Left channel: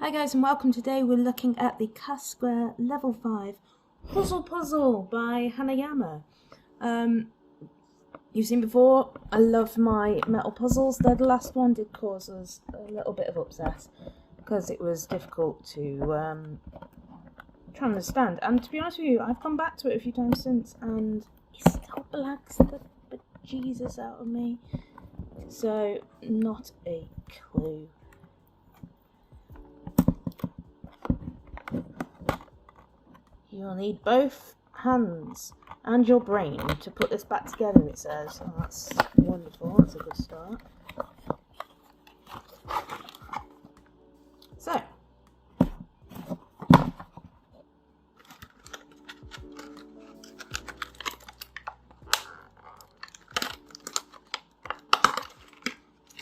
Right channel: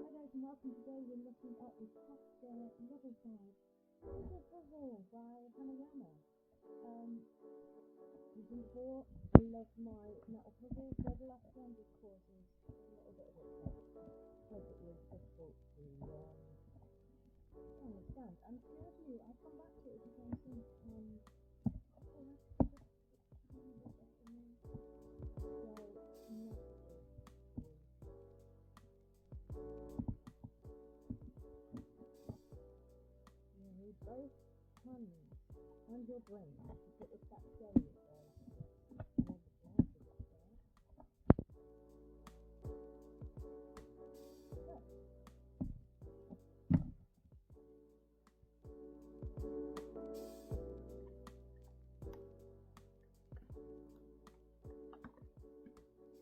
Hi guys and welcome. Today we're looking at the Square level 5 Huzzle puzzle by Hanayama. You've seen before, I love my metal puzzles. The last one did cause us a little bit of upset because it was difficult to try and understand. And to be honest with you, I've gone back to it a few times since and it still blags the bejesus out of me. So, not a clue. You'll need both hands and your brain to put this back together, it says. Oh, that's wonderful, that's a good start. So,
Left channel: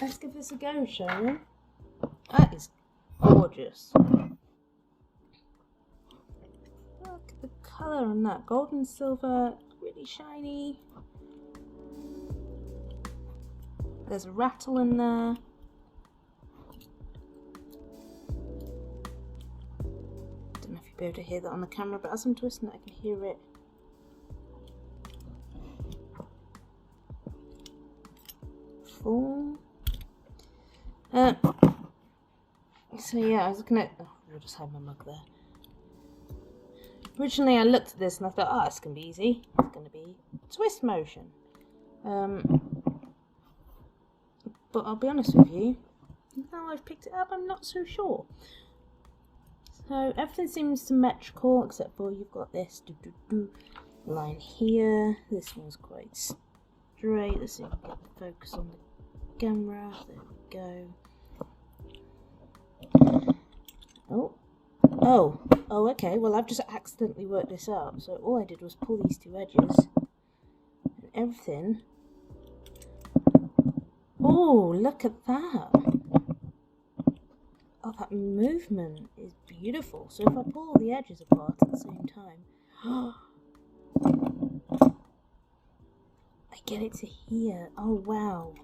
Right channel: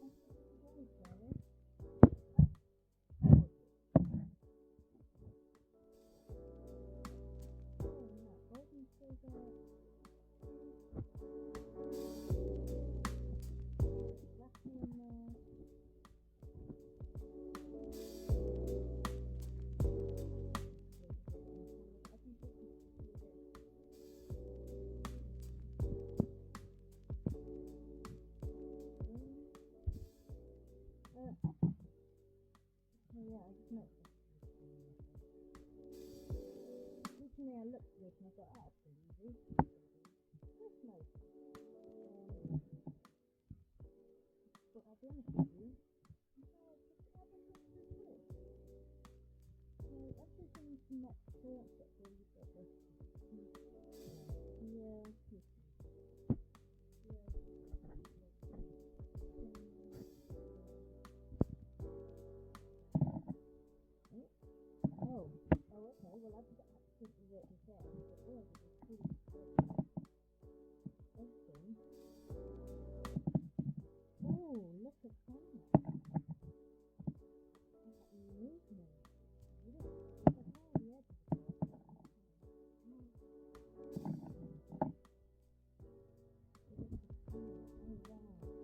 let's give this a go, shall we? That is gorgeous. Colour on that, gold and silver, really shiny. There's a rattle in there. Don't know if you'll be able to hear that on the camera, but as I'm twisting it, I can hear it. Full. So yeah, I was looking at. Oh, I'll just hide my mug there. Originally I looked at this and I thought, oh, it's going to be easy. It's going to be twist motion. But I'll be honest with you, now I've picked it up, I'm not so sure. So everything seems symmetrical except for you've got this line here. This one's quite straight. Let's see if I can get the focus on the camera. There we go. Oh, okay, well I've just accidentally worked this out, so all I did was pull these two edges, and everything... Oh, look at that! Oh, that movement is beautiful, so if I pull all the edges apart at the same time... I get it to here, oh wow!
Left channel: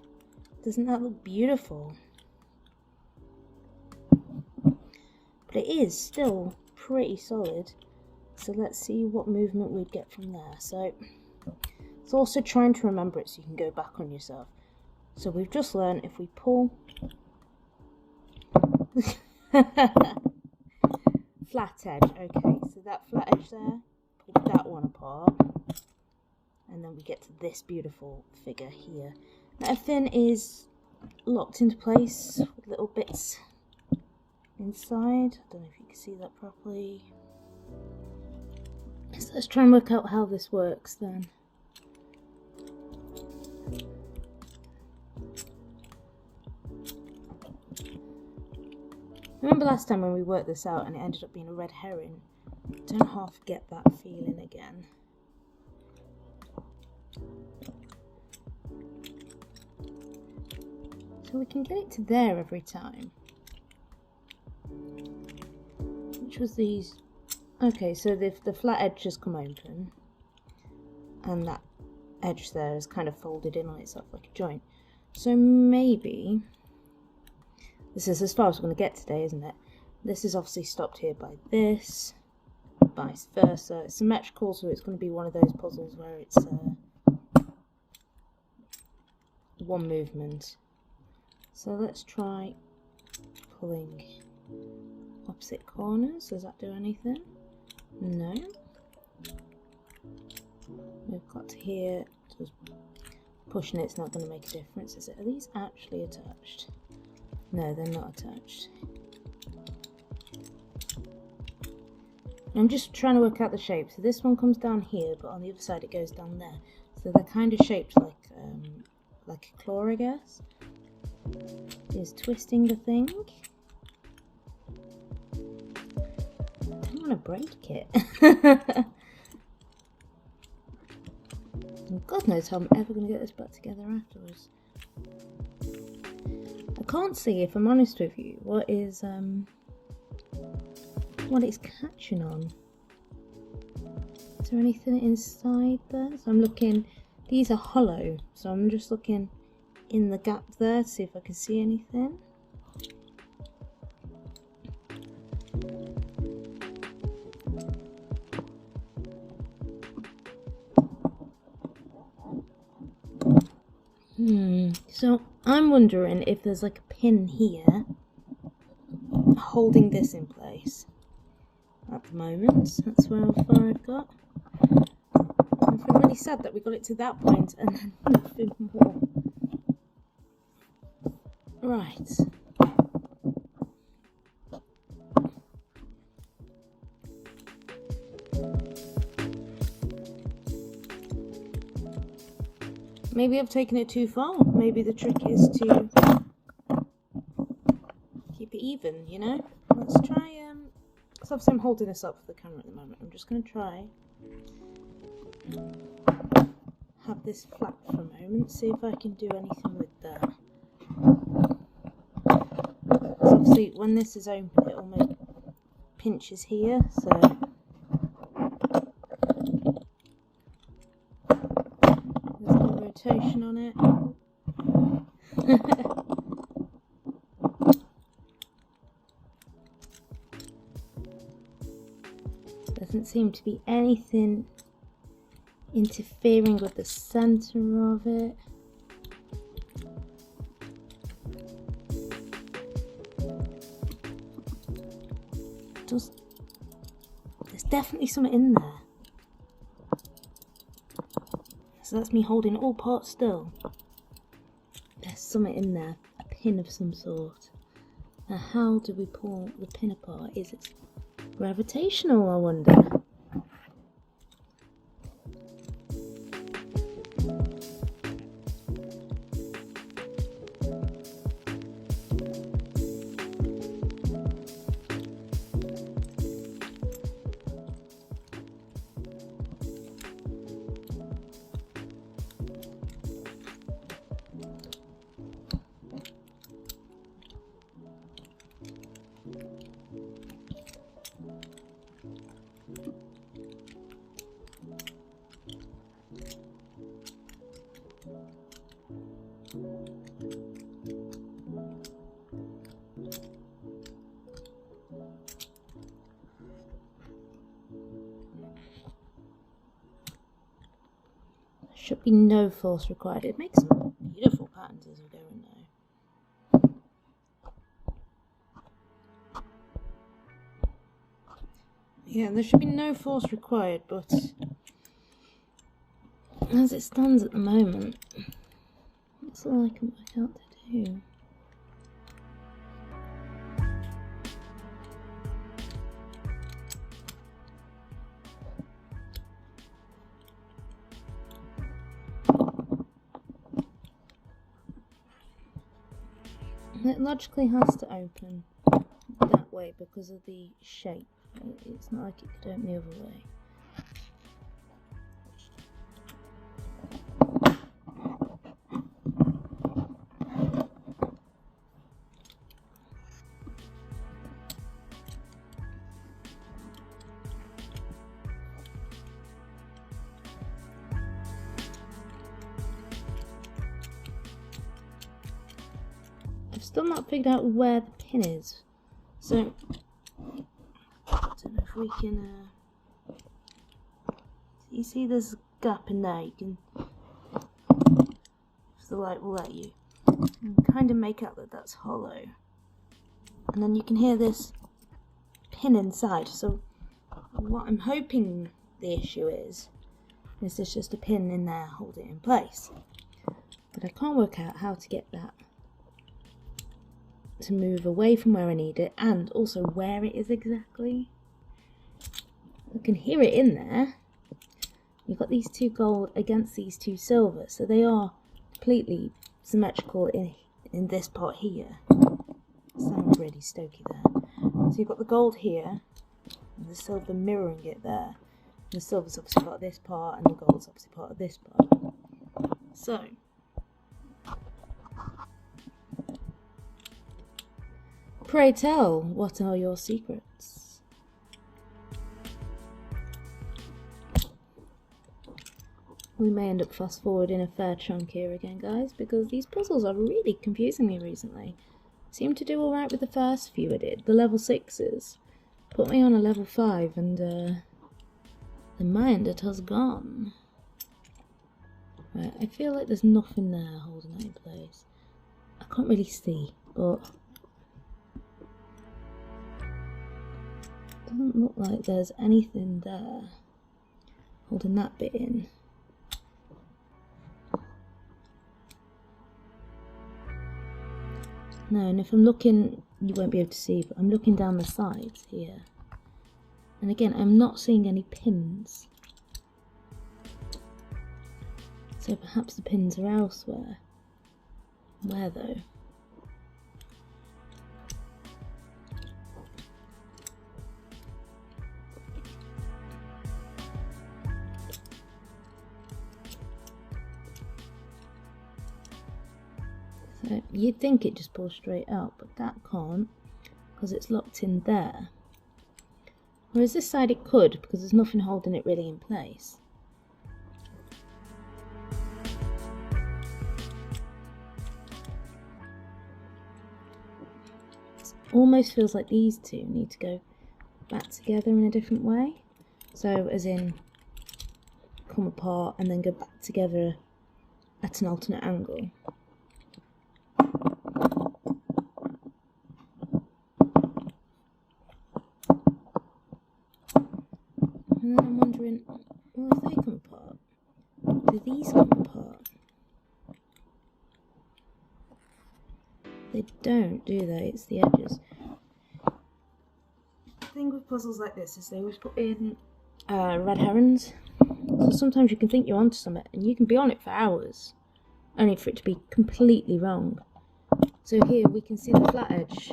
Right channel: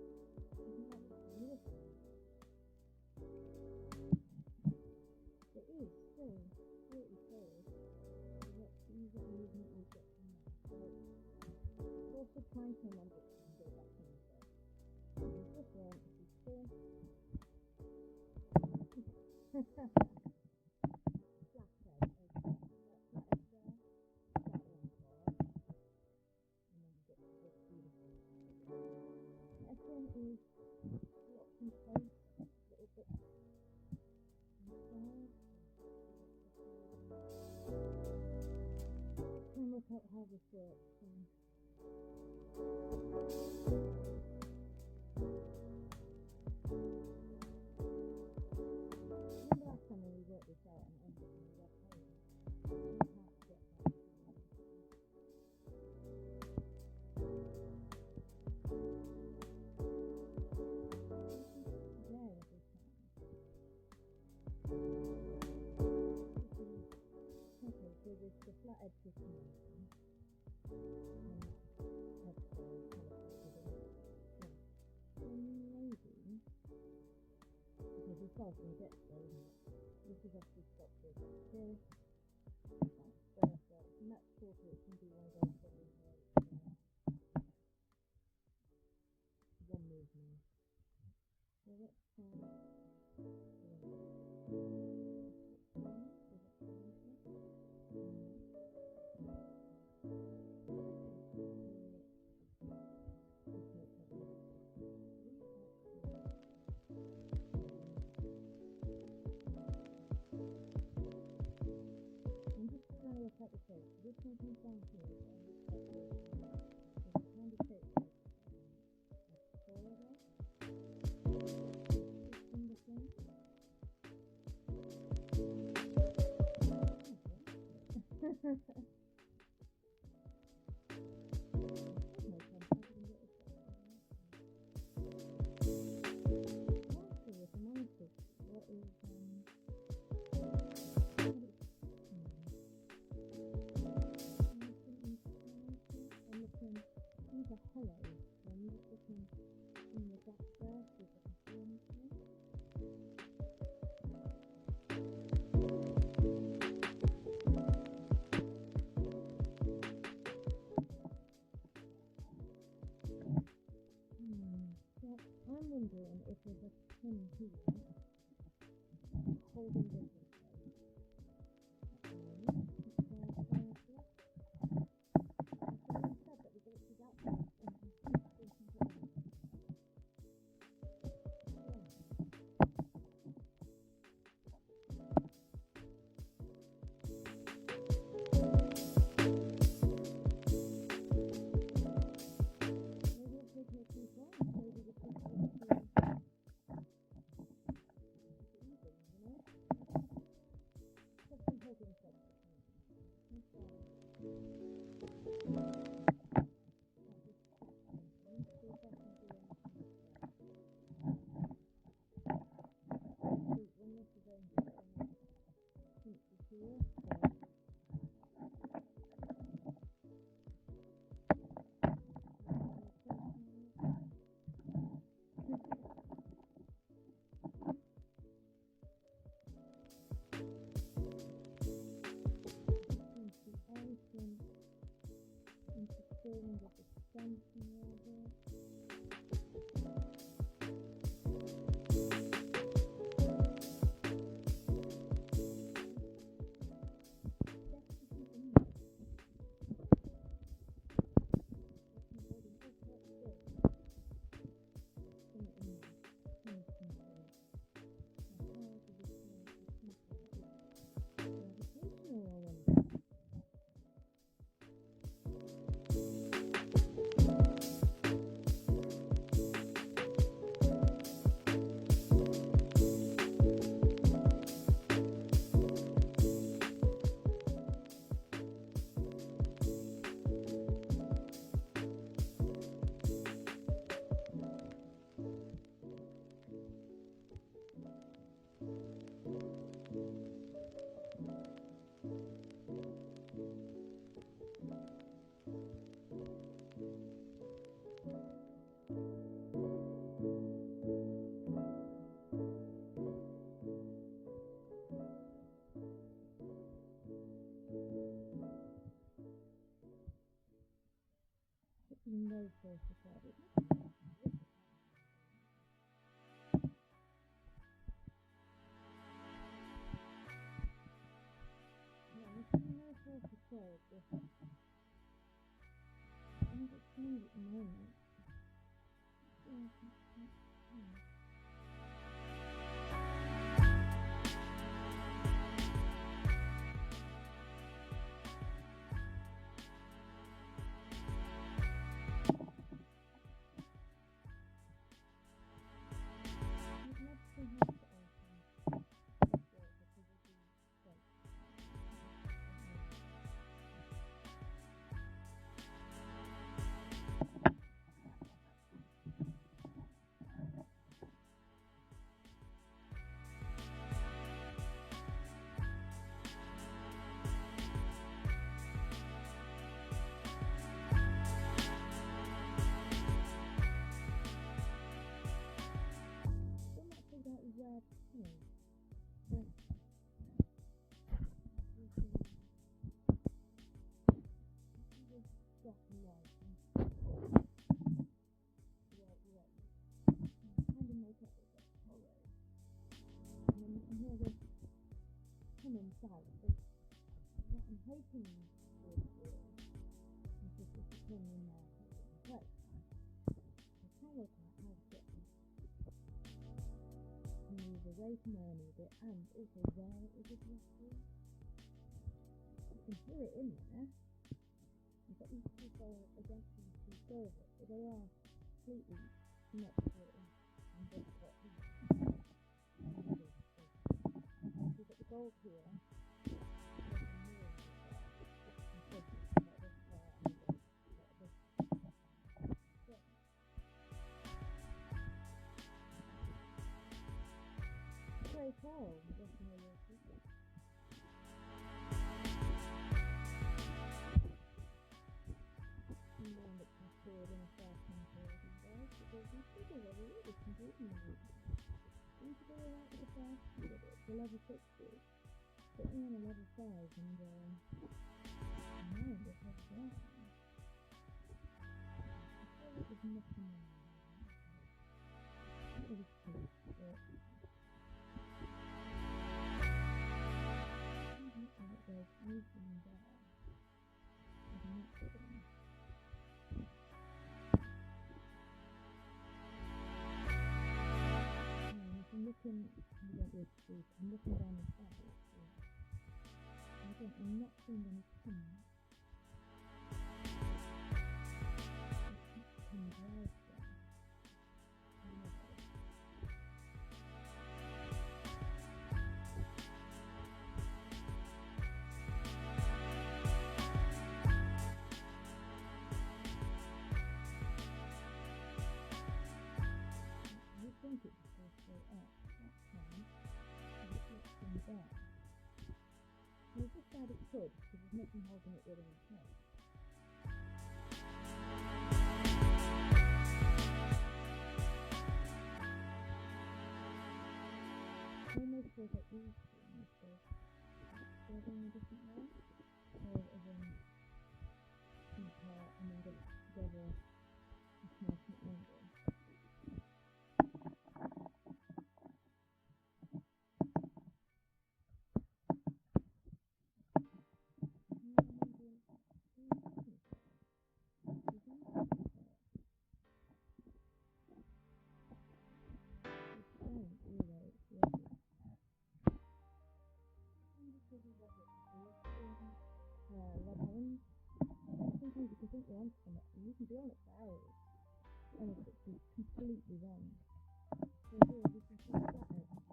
Doesn't that look beautiful? But it is still pretty solid, so let's see what movement we'd get from there. So it's also trying to remember it so you can go back on yourself. So we've just learned if we pull flat edge, okay, so that flat edge there, pull that one apart, and then we get to this beautiful figure here. Now, everything is locked into place with little bits inside. I don't know if you can see that properly. So let's try and work out how this works then. Remember last time when we worked this out and it ended up being a red herring? I don't half get that feeling again. So we can get it to there every time. Which was these? Okay, so the flat edge has come open and that edge there is kind of folded in on itself like a joint. So maybe this is as far as we're going to get today, isn't it? This is obviously stopped here by this, vice versa. It's symmetrical, so it's going to be one of those puzzles where it's one movement. So let's try pulling opposite corners. Does that do anything? No. We've got to here. Just pushing it's not going to make a difference, is it? Are these actually attached? No, they're not attached. I'm just trying to work out the shape. So this one comes down here, but on the other side it goes down there. So they're kind of shaped like a claw, I guess. Is twisting the thing. To break it. God knows how I'm ever going to get this back together afterwards. I can't see, if I'm honest with you, what it's catching on. Is there anything inside there? So I'm looking, these are hollow, so I'm just looking in the gap there to see if I can see anything. So I'm wondering if there's like a pin here holding this in place at the moment. That's how far I've got. I feel really sad that we got it to that point and then nothing more. Right. Maybe I've taken it too far. Maybe the trick is to keep it even, you know? Let's try, because obviously I'm holding this up for the camera at the moment. I'm just going to try have this flat for a moment, see if I can do anything with that. Because obviously when this is open it almost pinches here, so rotation on it. Doesn't seem to be anything interfering with the center of it. There's definitely something in there. So that's me holding all parts still. There's something in there, a pin of some sort. Now how do we pull the pin apart? Is it gravitational, I wonder? Should be no force required. It makes some beautiful patterns as we go in there. Yeah, there should be no force required, but as it stands at the moment, that's all I can work out to do. It logically has to open that way because of the shape. It's not like it could open the other way. Still not figured out where the pin is, so I don't know if we can. You see, there's a gap in there. You can, if the light will let you, kind of make out that that's hollow, and then you can hear this pin inside. So, what I'm hoping the issue is there's just a pin in there holding it in place, but I can't work out how to get that to move away from where I need it, and also where it is exactly. I can hear it in there. You've got these two gold against these two silver, so they are completely symmetrical in this part here. Sounds really stoky there. So you've got the gold here, and the silver mirroring it there. And the silver's obviously part of this part, and the gold's obviously part of this part. So pray tell, what are your secrets? We may end up fast forwarding a fair chunk here again, guys, because these puzzles are really confusing me recently. Seemed to do alright with the first few I did, the level 6s. Put me on a level 5 and the mind it has gone. Right, I feel like there's nothing there holding that in place. I can't really see, but it doesn't look like there's anything there holding that bit in. No, and if I'm looking, you won't be able to see, but I'm looking down the sides here. And again, I'm not seeing any pins. So perhaps the pins are elsewhere. Where though? So you'd think it just pulls straight out, but that can't, because it's locked in there. Whereas this side it could, because there's nothing holding it really in place. Almost feels like these two need to go back together in a different way. So as in come apart and then go back together at an alternate angle. And then I'm wondering, well, if they come apart, do these come apart? They don't, do they? It's the edges. The thing with puzzles like this is they always put in red herrings. So sometimes you can think you're onto something and you can be on it for hours, only for it to be completely wrong. So here we can see the flat edge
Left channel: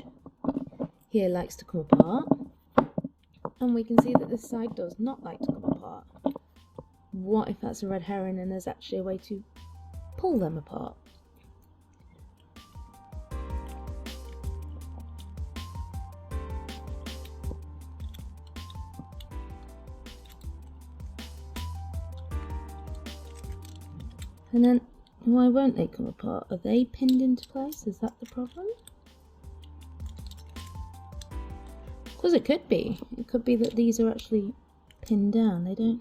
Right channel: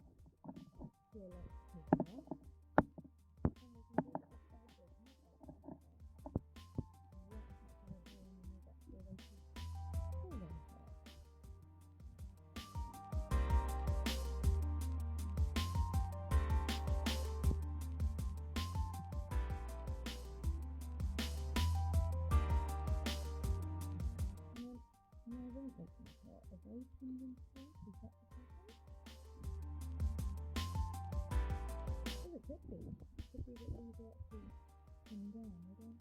here likes to come apart, and we can see that this side does not like to come apart. What if that's a red herring and there's actually a way to pull them apart? And then, why won't they come apart? Are they pinned into place? Is that the problem? Because it could be. It could be that these are actually pinned down. They don't...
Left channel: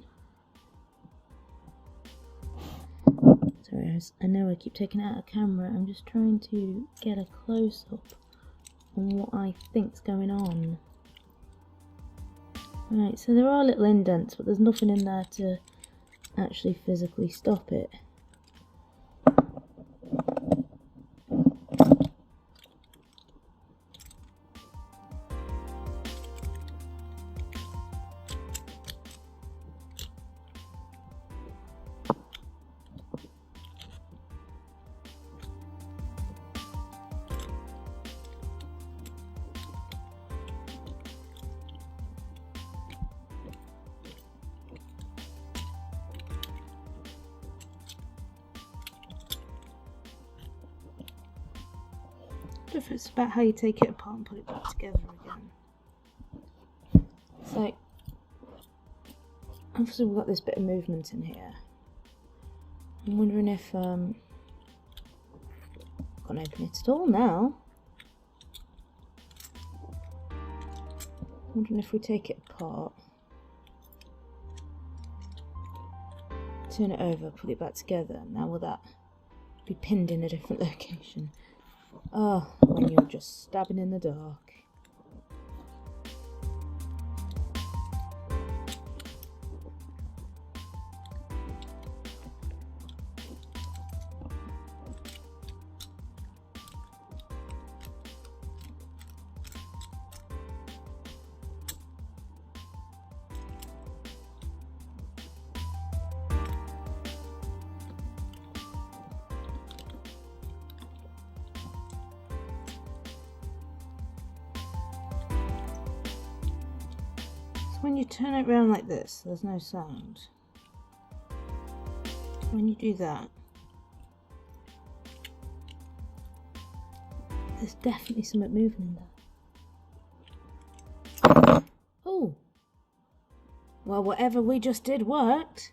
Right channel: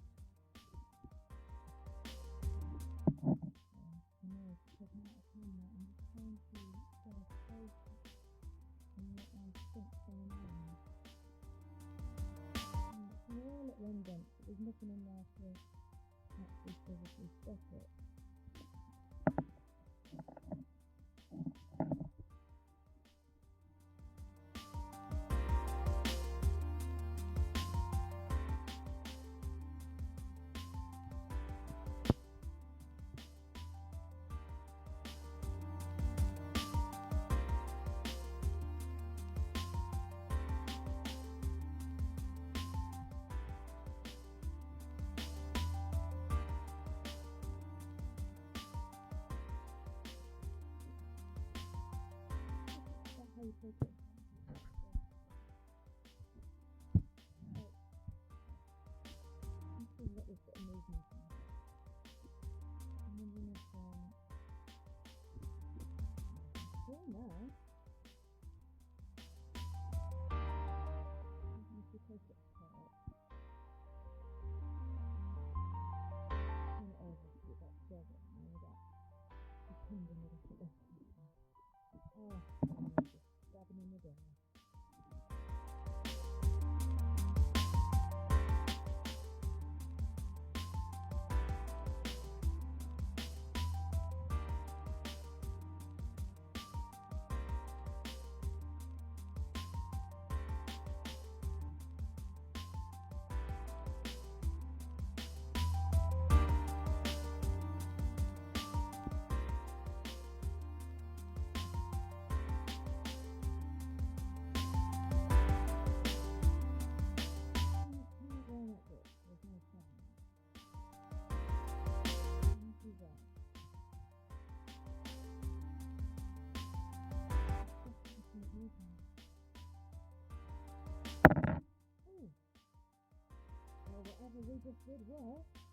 Sorry, I know I keep taking it out of camera. I'm just trying to get a close-up on what I think's going on. Right, so there are little indents, but there's nothing in there to actually physically stop it. It's about how you take it apart and put it back together again. So, obviously we've got this bit of movement in here. I'm wondering if, I can't open it at all now. I'm wondering if we take it apart, turn it over, put it back together. Now will that be pinned in a different location? Oh, when you're just stabbing in the dark. When you turn it around like this, there's no sound. When you do that, there's definitely something moving in there. Oh! Well, whatever we just did worked.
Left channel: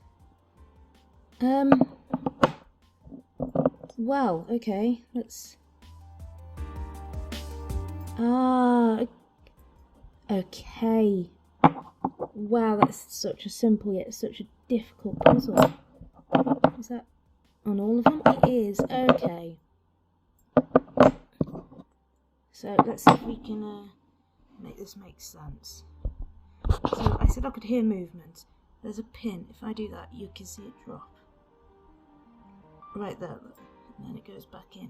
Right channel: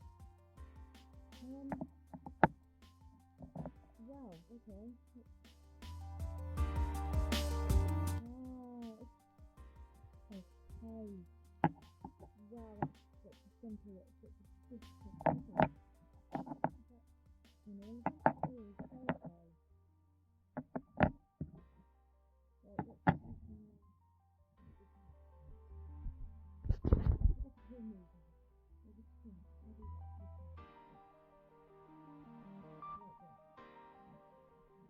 Well, okay, let's... Ah, okay. Wow, that's such a simple yet such a difficult puzzle. Is that on all of them? It is. Okay. So let's see if we can make this make sense. So I said I could hear movement. There's a pin. If I do that, you can see it drop. Right there, look. And then it goes back in.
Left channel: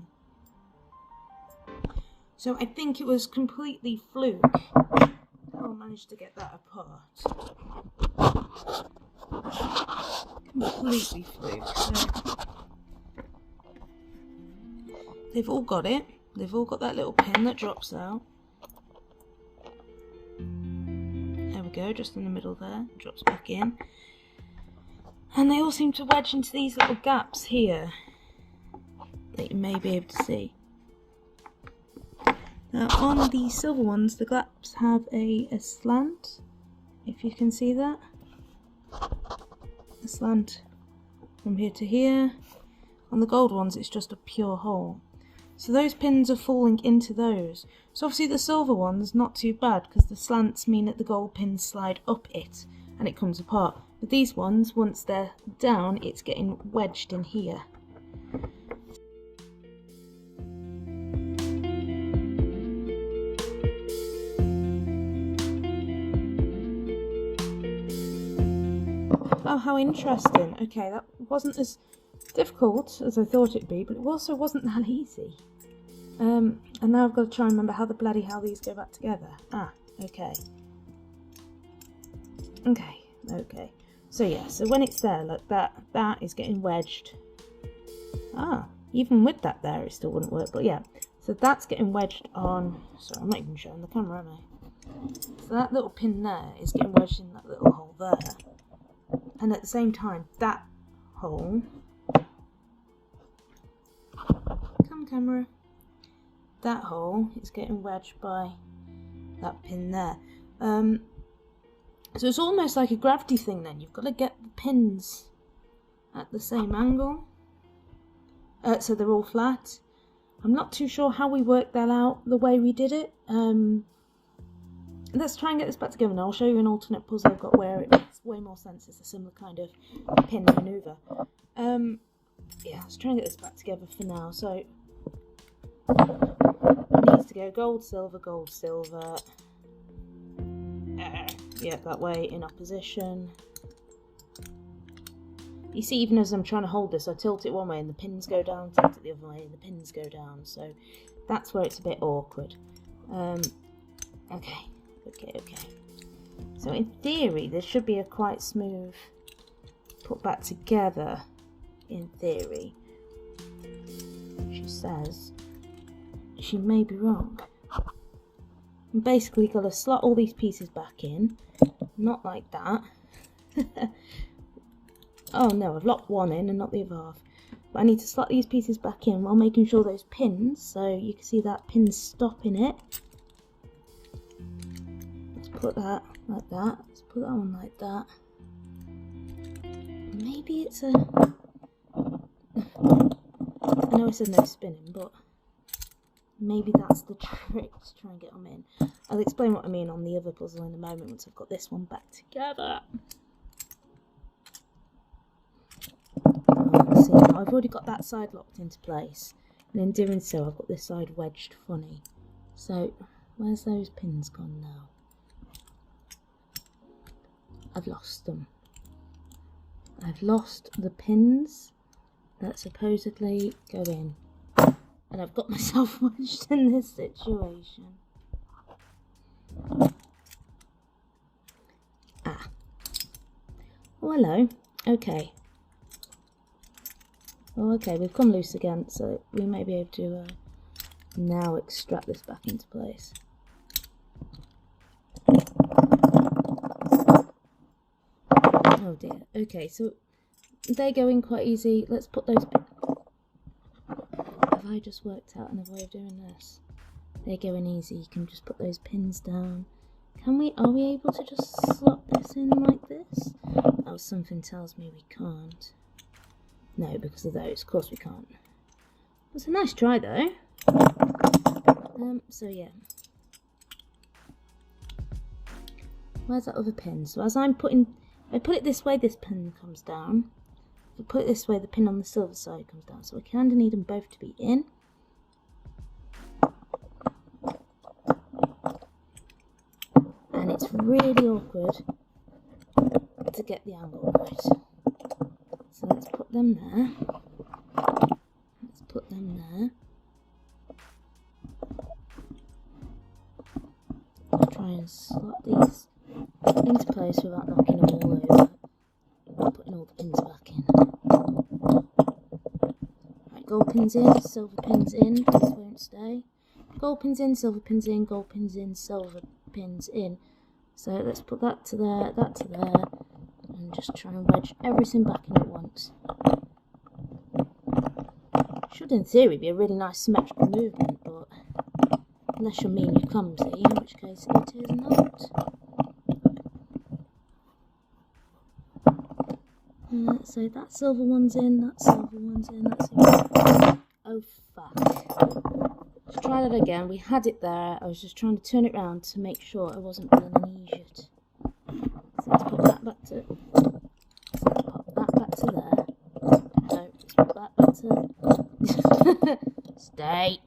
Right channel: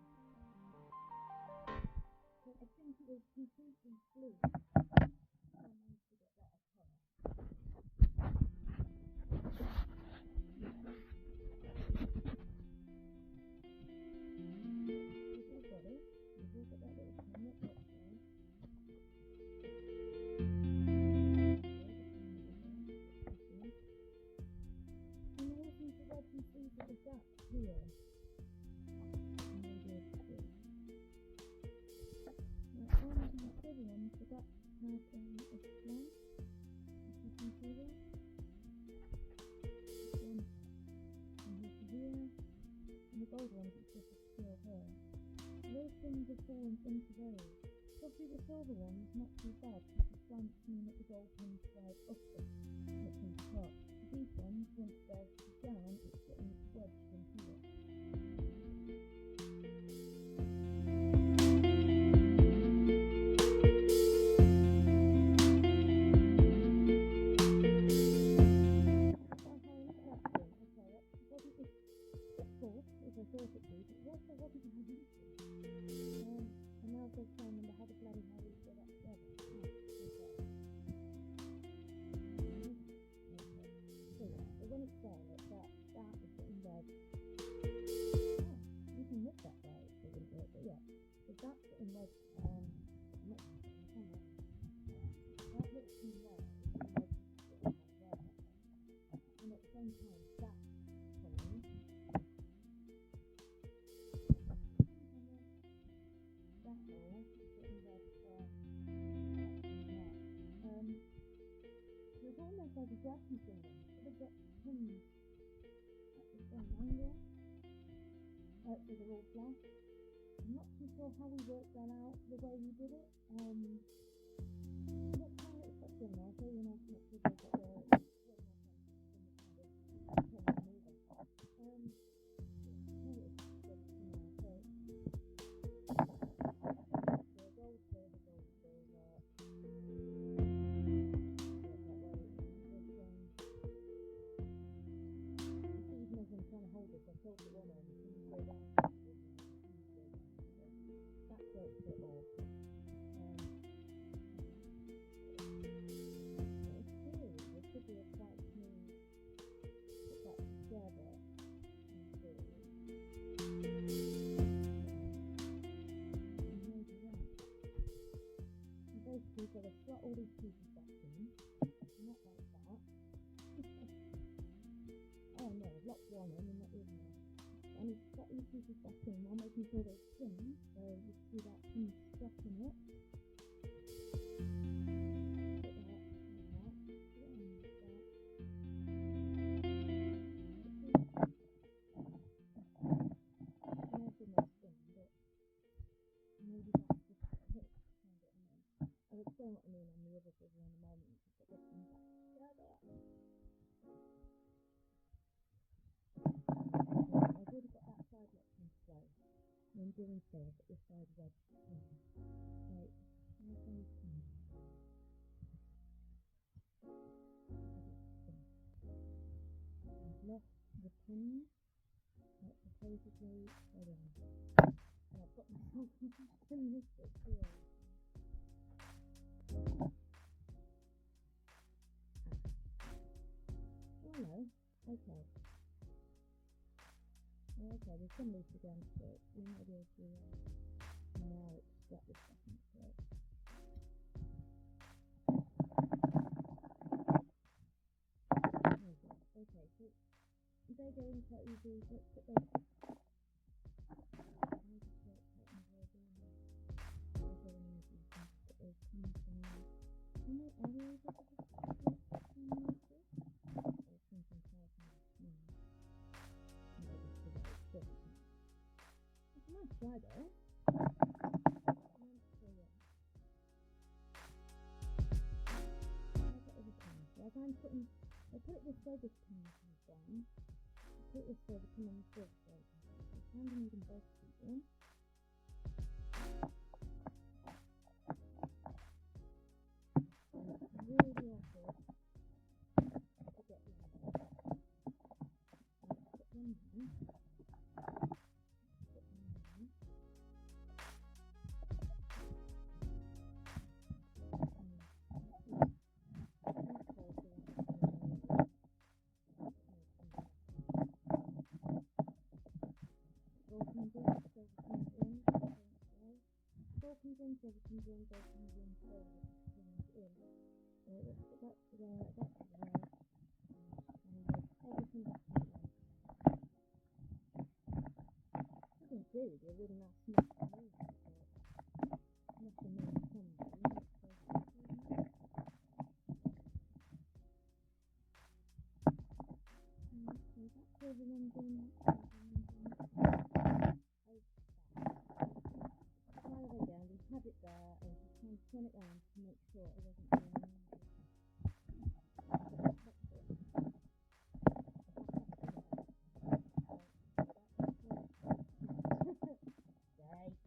So I think it was completely fluke. I managed to get that apart. Completely fluke. So they've all got it. They've all got that little pin that drops out. There we go, just in the middle there. Drops back in. And they all seem to wedge into these little gaps here that you may be able to see. Now on the silver ones, the gaps have a slant, if you can see that. A slant from here to here. On the gold ones, it's just a pure hole. So those pins are falling into those. So obviously the silver ones, not too bad, because the slants mean that the gold pins slide up it and it comes apart. But these ones, once they're down, it's getting wedged in here. Oh, how interesting. Okay, that wasn't as difficult as I thought it'd be, but it also wasn't that easy. And now I've got to try and remember how the bloody hell these go back together. Ah, okay. Okay. So yeah, so when it's there, look, that is getting wedged. Ah, even with that there, it still wouldn't work, but yeah. So that's getting wedged on, sorry, I'm not even showing the camera, am I? So that little pin there is getting wedged in that little hole there. And at the same time, that hole, come camera, that hole is getting wedged by that pin there. So it's almost like a gravity thing then. You've got to get the pins at the same angle, so they're all flat. I'm not too sure how we worked that out the way we did it. Let's try and get this back together now. I'll show you an alternate puzzle I've got where it makes way more sense. It's a similar kind of pin maneuver. Yeah, let's try and get this back together for now. So it needs to go gold, silver, gold, silver. Yeah, that way in opposition. You see, even as I'm trying to hold this, I tilt it one way and the pins go down, tilt it the other way and the pins go down. So that's where it's a bit awkward. Okay. So in theory, this should be a quite smooth put back together, in theory. She says she may be wrong. And basically, got to slot all these pieces back in, not like that. Oh no, I've locked one in and not the other half. But I need to slot these pieces back in while making sure those pins, so you can see that pin's stopping it. Let's put that like that. Let's put that one like that. Maybe it's a... I know I said no spinning, but maybe that's the trick to try and get them in. I'll explain what I mean on the other puzzle in a moment once I've got this one back together. See, now I've already got that side locked into place, and in doing so I've got this side wedged funny. So where's those pins gone now? I've lost them. I've lost the pins that supposedly go in, and I've got myself wedged in this situation. Ah. Oh, hello. Okay. Oh, okay, we've come loose again, so we may be able to now extract this back into place. Oh dear. Okay, so they go in quite easy. Let's put those... Have I just worked out another way of doing this? They go in easy. You can just put those pins down. Can we... Are we able to just slot this in like this? Oh, something tells me we can't. No, because of those. Of course we can't. It's a nice try though. So yeah. Where's that other pin? So as I'm putting... I put it this way, this pin comes down. we put it this way, the pin on the silver side comes down. So we kind of need them both to be in. And it's really awkward to get the angle right. So let's put them there. Let's put them there. I'll try and slot these into place without knocking them all over. Putting all the pins back in. Right, gold pins in, silver pins in, these won't stay. Gold pins in, silver pins in, gold pins in, silver pins in. So let's put that to there, that to there, and just try and wedge everything back in at once. Should in theory be a really nice symmetrical movement, but unless you're mean you're clumsy, in which case it is not. So that silver one's in, that silver one's in, that silver one's in. Oh fuck. Let's try that again. We had it there. I was just trying to turn it around to make sure I wasn't being an idiot. So let's put that back to... Let's pop that back to there. No, let's put that back to... Stay.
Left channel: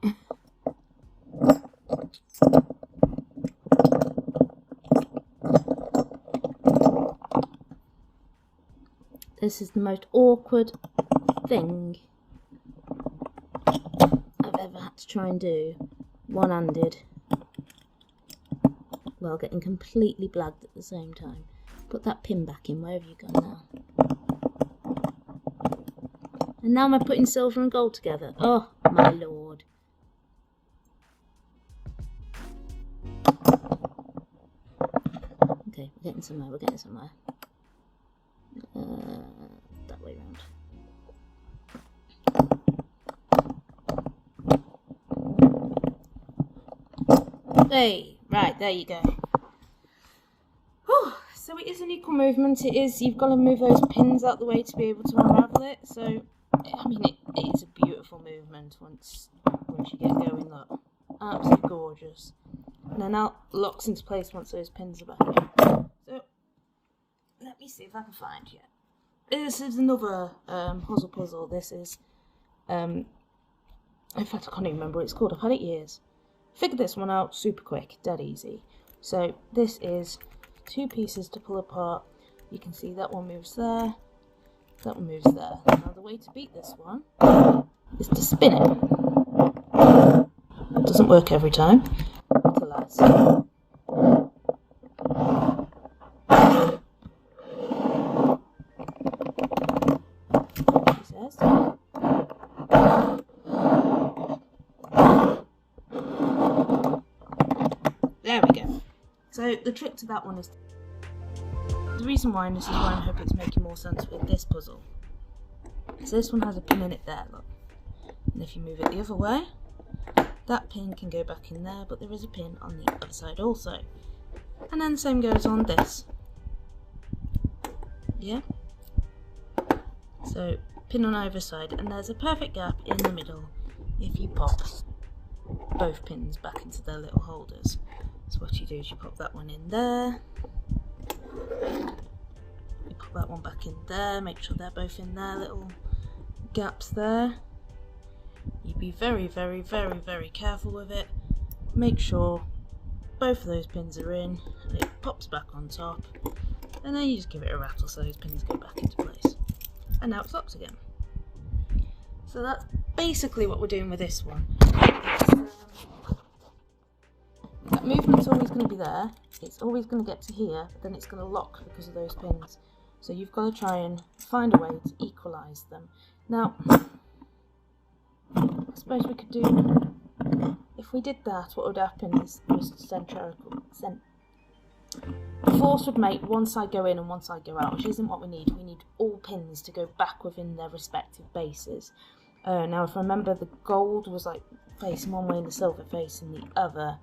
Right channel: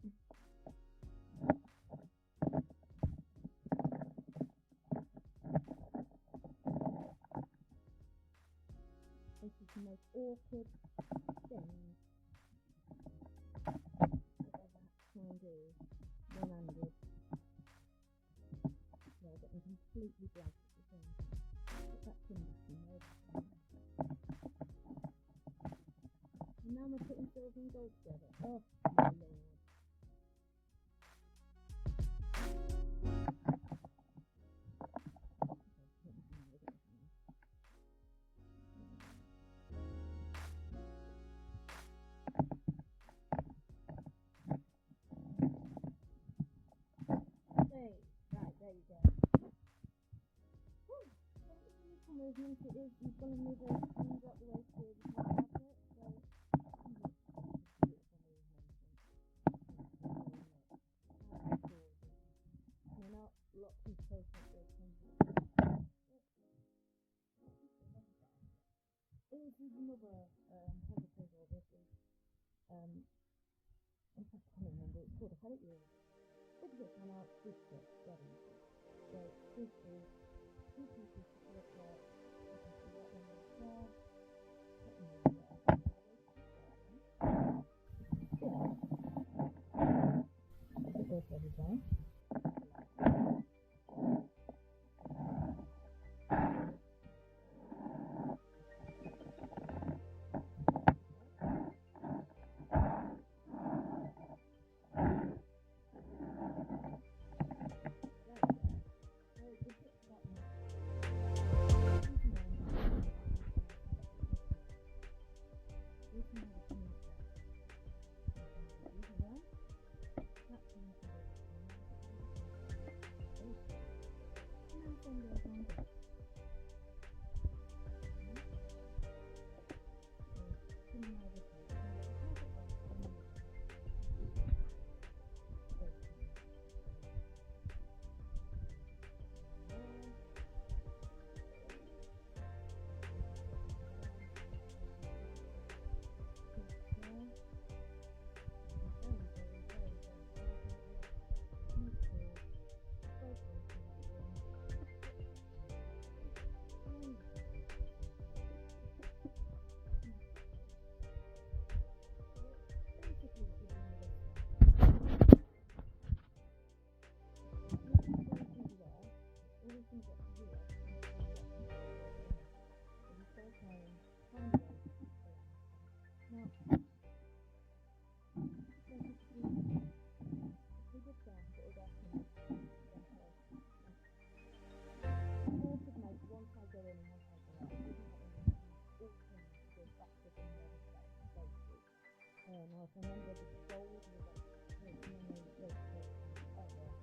This is the most awkward thing I've ever had to try and do one-handed while getting completely blagged at the same time. Put that pin back in, wherever you've gone now. And now am I putting silver and gold together? Oh my lord. Okay, we're getting somewhere, we're getting somewhere. That way round. Hey, right, there you go. Whew, so it is an equal movement. It is, you've got to move those pins out the way to be able to unravel it. So, I mean, it is a beautiful movement once you get going, look. Absolutely gorgeous. And then now locks into place once those pins are back in. So, let me see if I can find you. This is another Huzzle puzzle. This is, in fact I can't even remember what it's called. I've had it years. Figured this one out super quick, dead easy. So this is 2 pieces to pull apart. You can see that one moves there, that one moves there. Now the way to beat this one is to spin it. It doesn't work every time. Alas. There we go. So the trick to that one is the reason why, and this is why I hope it's making more sense with this puzzle. So this one has a pin in it there, look. And if you move it the other way, that pin can go back in there, but there is a pin on the other side also. And then the same goes on this. Yeah? So pin on either side, and there's a perfect gap in the middle if you pop both pins back into their little holders. So what you do is you pop that one in there, you pop that one back in there, make sure they're both in their little gaps there. You be very, very, very, very careful with it. Make sure both of those pins are in, and it pops back on top, and then you just give it a rattle so those pins go back into place. And now it's locked again. So that's basically what we're doing with this one. That movement's always going to be there, it's always going to get to here, but then it's going to lock because of those pins. So you've got to try and find a way to equalise them. Now, I suppose we could do, if we did that, what would happen is the force would make one side go in and one side go out, which isn't what we need. We need all pins to go back within their respective bases. Now, if I remember, the gold was like facing one way and the silver facing the other.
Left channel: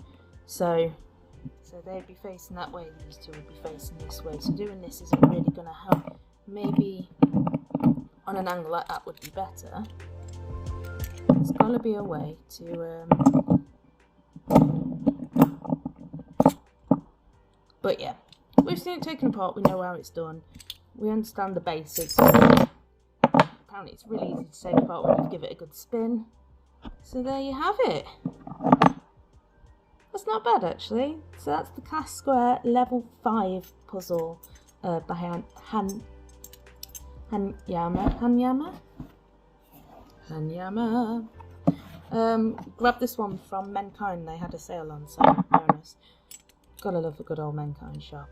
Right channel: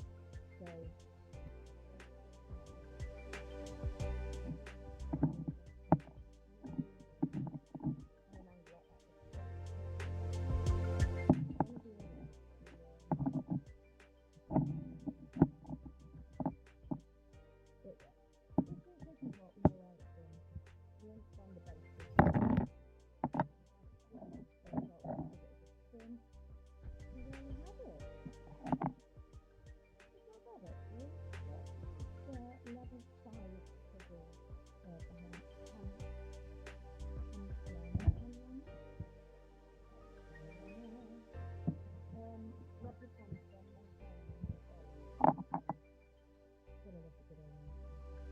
So they'd be facing that way, these two would be facing this way. So doing this isn't really going to help. Maybe on an angle like that would be better. There's got to be a way to... But yeah, we've seen it taken apart, we know how it's done. We understand the basics. down, it's really easy to take apart when you give it a good spin. So there you have it. That's not bad actually. So that's the Cast Square level 5 puzzle by Hanayama. Grabbed this one from Mankind, they had a sale on, so bonus. Gotta love a good old Mankind shop.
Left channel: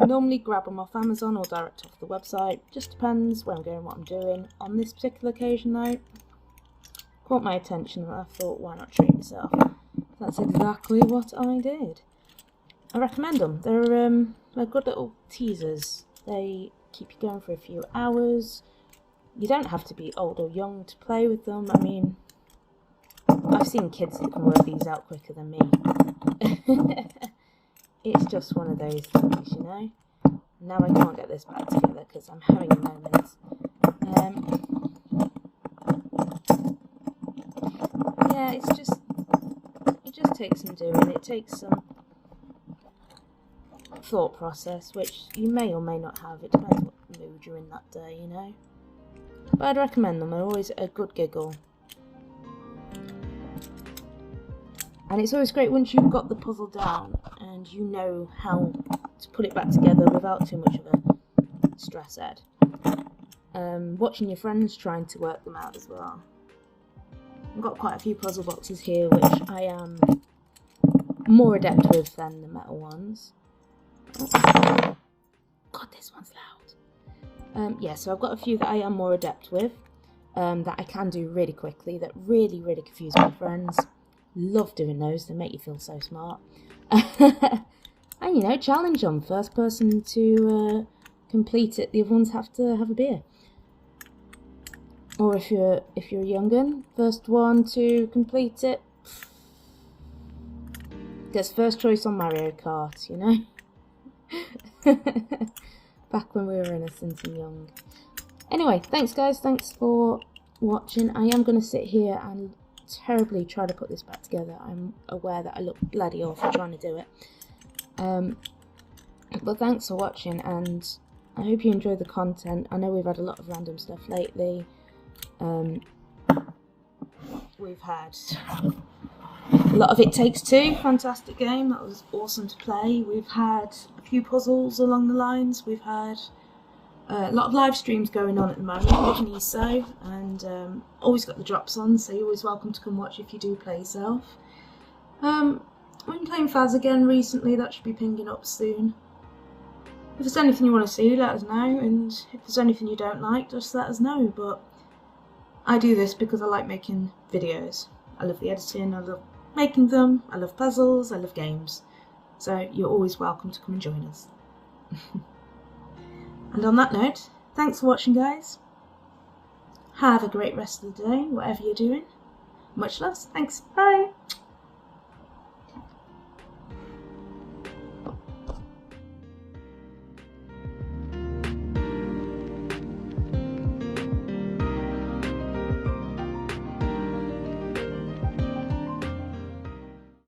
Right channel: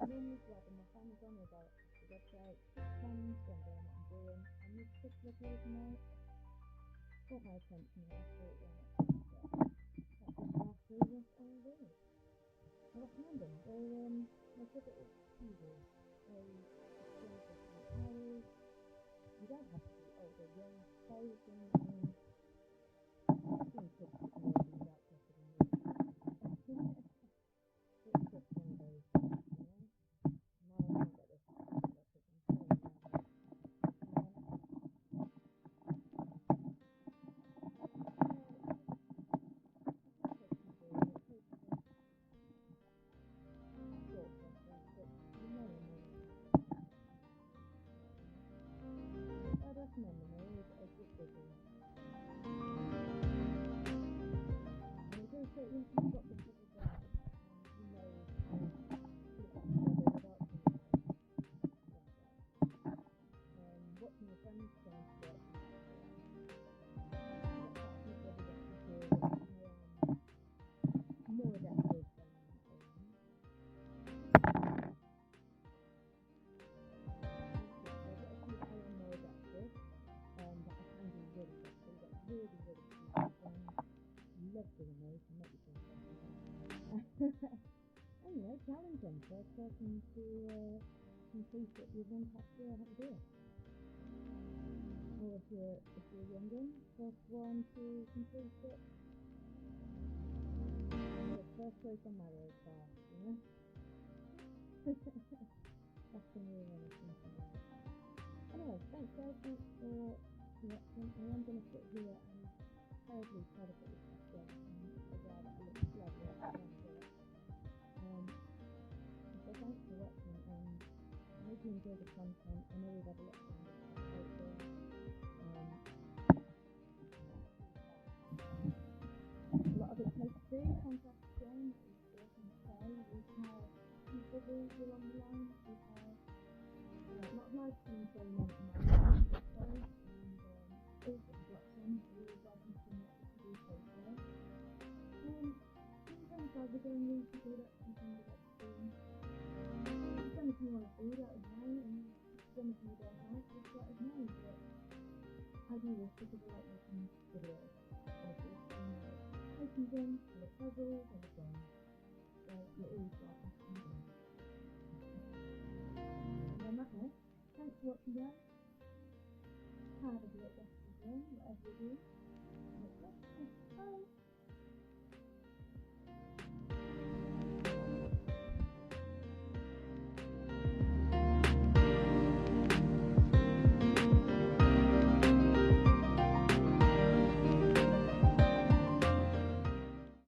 I normally grab them off Amazon or direct off the website, just depends where I'm going, what I'm doing. On this particular occasion though, caught my attention and I thought, why not treat yourself? That's exactly what I did. I recommend them. They're good little teasers. They keep you going for a few hours. You don't have to be old or young to play with them. I mean, I've seen kids that can work these out quicker than me. It's just one of those things, you know. Now I can't get this back together because I'm having a moment. Yeah, it just takes some doing. It takes some thought process, which you may or may not have. It depends what mood you're in that day, you know. But I'd recommend them. They're always a good giggle. And it's always great once you've got the puzzle down and you know how to put it back together without too much of a stress head. Watching your friends trying to work them out as well. I've got quite a few puzzle boxes here which I am more adept with than the metal ones. Oh. God, this one's loud. Yeah, so I've got a few that I am more adept with, that I can do really quickly, that really confuse my friends. Love doing those, they make you feel so smart. And you know, challenge them. First person to complete it, the other ones have to have a beer. Or if you're a young'un, first one to complete it gets first choice on Mario Kart, you know? Back when we were innocent and young. Anyway, thanks guys, thanks for watching. I am going to sit here and terribly try to put this back together. I'm aware that I look bloody awful trying to do it. But thanks for watching, and I hope you enjoy the content. I know we've had a lot of random stuff lately. We've had a lot of It Takes Two, fantastic game, that was awesome to play. We've had a few puzzles along the lines. We've had a lot of live streams going on at the moment, which needs so, and always got the drops on, so you're always welcome to come watch if you do play yourself. We've been playing Faz again recently, that should be pinging up soon. If there's anything you want to see, let us know, and if there's anything you don't like, just let us know. But I do this because I like making videos. I love the editing, I love making them, I love puzzles, I love games. So you're always welcome to come and join us. And on that note, thanks for watching guys. Have a great rest of the day, whatever you're doing. Much love, thanks, bye!